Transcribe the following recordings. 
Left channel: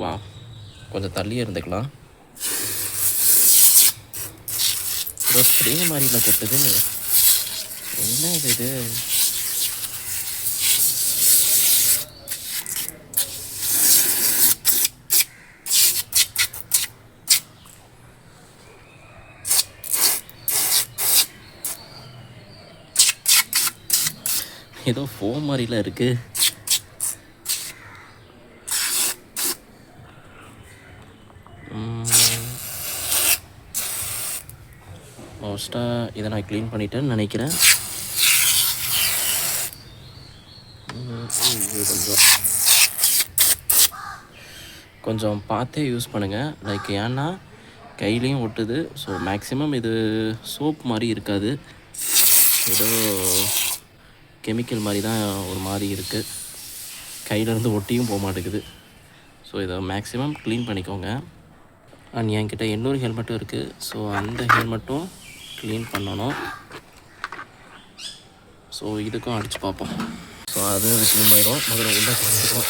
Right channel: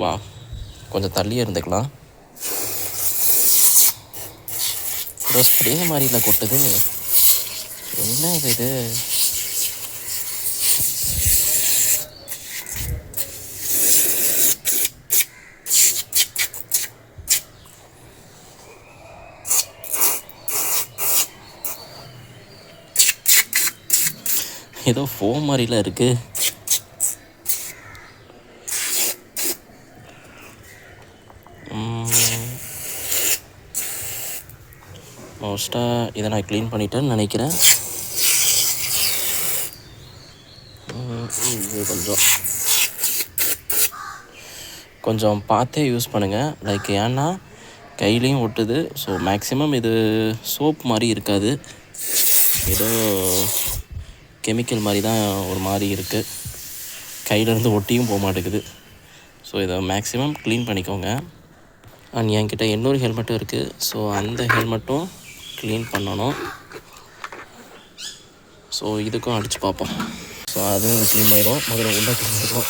வா, கொஞ்சம் தள்ளியே இருந்துக்கலாம். ஏதோ ஸ்ப்ரே மாதிரில கொட்டுது, என்ன இது? ஏதோ ஃபோம் மாதிரிலாம் இருக்குது. மோஸ்ட்டாக இதை நான் க்ளீன் பண்ணிட்டேன்னு நினைக்கிறேன். இது கொஞ்சம் பார்த்தே யூஸ் பண்ணுங்கள். லைக் ஏன்னா கையிலையும் ஒட்டுது. ஸோ மேக்ஸிமம் இது சோப் மாதிரி இருக்காது, ஏதோ கெமிக்கல் மாதிரி தான் ஒரு மாதிரி இருக்குது. கையிலேருந்து ஒட்டியும் போக மாட்டேங்குது. ஸோ இதை மேக்ஸிமம் க்ளீன் பண்ணிக்கோங்க. அண்ட் என்கிட்ட இன்னொரு ஹெல்மெட்டும் இருக்குது. ஸோ அந்த ஹெல்மெட்டும் க்ளீன் பண்ணணும். ஸோ இதுக்கும் அடித்து பார்ப்போம். ஸோ அதுவும் க்ளீன் ஆயிடும். முதல்ல உள்ள பண்ணிடுவோம்.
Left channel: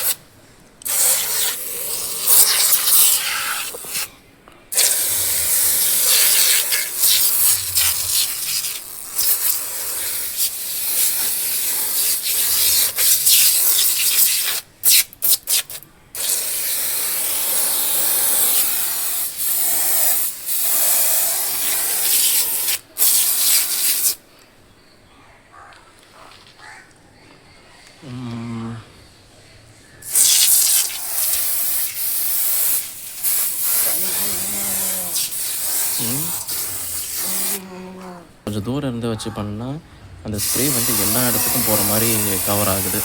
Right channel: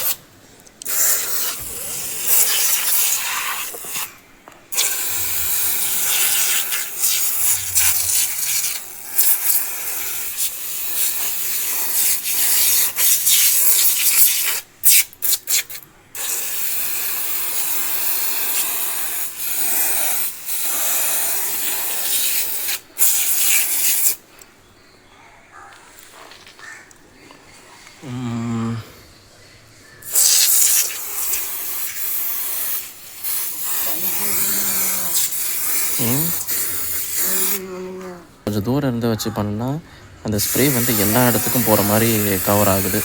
கொஞ்சம் தூரம் இருந்து வச்சு பண்ணால் அந்த ஸ்ப்ரே வந்து எல்லா இடத்துக்கும் போகிற மாதிரி கவர் ஆகுது.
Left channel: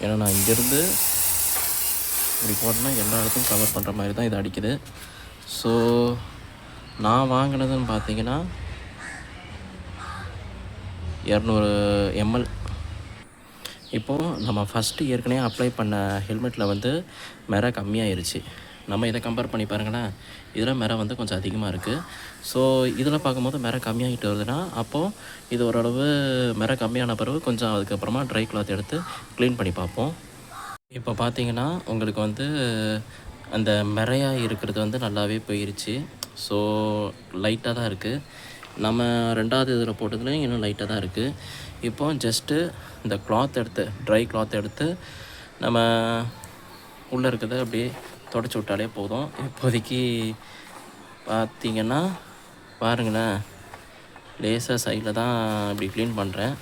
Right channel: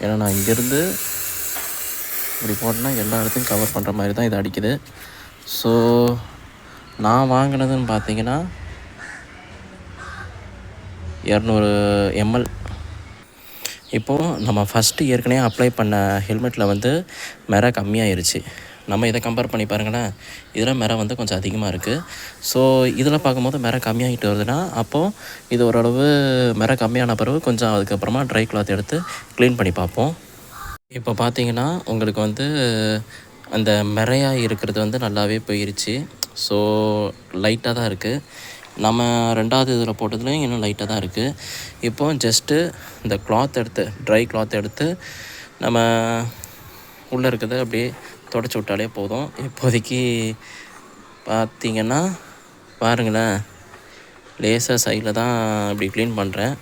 ஏன்னா நான் இங்கேருந்து இப்படி போட்டேன்னா எல்லா இடத்துக்கும் கவர் பண்ணுற மாதிரி தான் இது அடிக்குது. ஸோ நான் வாங்கினதுன்னு பார்த்தீங்கன்னா 200 ml. இப்போது நம்ம ஃபஸ்ட்டு ஏற்கனவே அப்ளை பண்ண ஹெல்மெட்டில் வந்து மெரை கம்மியாயிருச்சு. நம்ம இதை கம்பேர் பண்ணி பாருங்களேன், இதில் மெரை வந்து கொஞ்சம் அதிகமாக இருக்குது. ஸோ இதில் பார்க்கும்போது மெரை கம்மியாகிட்டு வருதுன்னா அப்போது இது ஓரளவு மெரை கம்மியான பிறகு கொஞ்சம் அதுக்கப்புறமா ட்ரை கிளாத் எடுத்து க்ளீன் பண்ணி பார்ப்போம். இப்போ பார்த்தீங்கன்னா உங்களுக்கு வந்து அந்த மெரையாக இருக்கிறது வந்து நல்லாவே போயிருச்சு. ஸோ லைட்டாக தான் இருக்குது. நம்ம 2வது இதில் போட்டதுலேயும் இன்னும் லைட்டாக தான் இருக்குது. இப்போ ஜஸ்ட்டு இந்த கிளாத் எடுத்து, ட்ரை கிளாத் எடுத்து நம்ம உள்ளே இருக்கிறத அப்படியே தொடச்சி விட்டாலே போதும். இப்போதைக்கு பார்த்திங்கன்னா பாருங்களேன், லேசாக சைடில் தான் இப்படி க்ளீன் பண்ணுறேன்.